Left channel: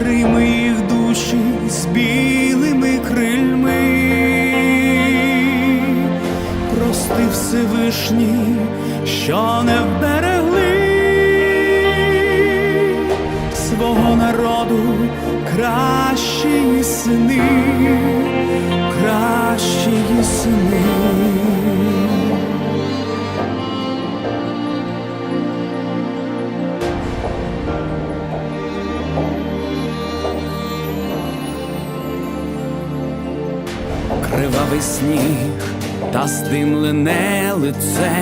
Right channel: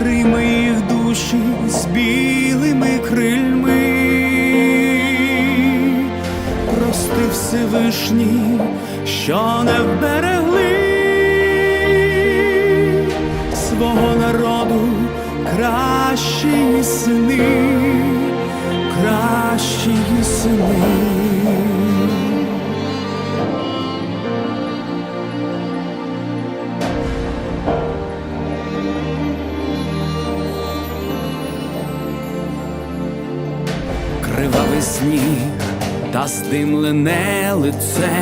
прийми їх душі з білими крильми, прости Всевишні, що не вберегли свого народу кращі сини, кращі сини. кривавий сніг та здимлене лице,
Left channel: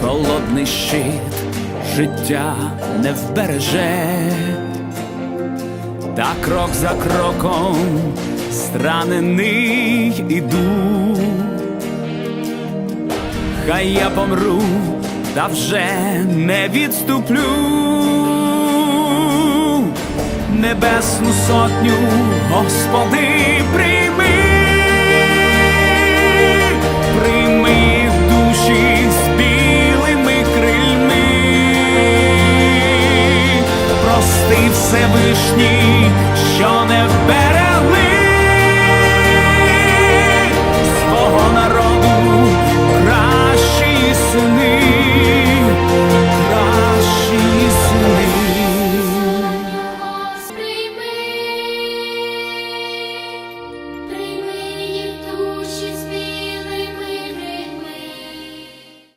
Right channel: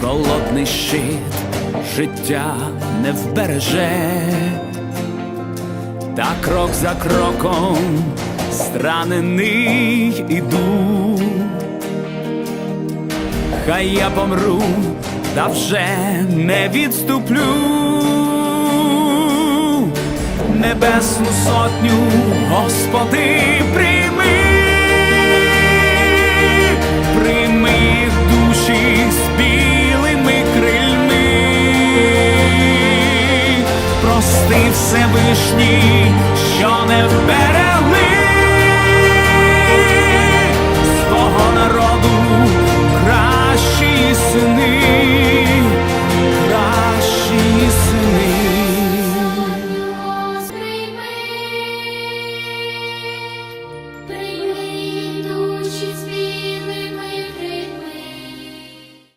холодний щит життя не вбереже, та крок за кроком странений іду, хай я помру, та вже не відступлю небесну сотню, Господи, прийми, прийми їх душі з білими крильми, прости Всевишній, що не вберегли. teaches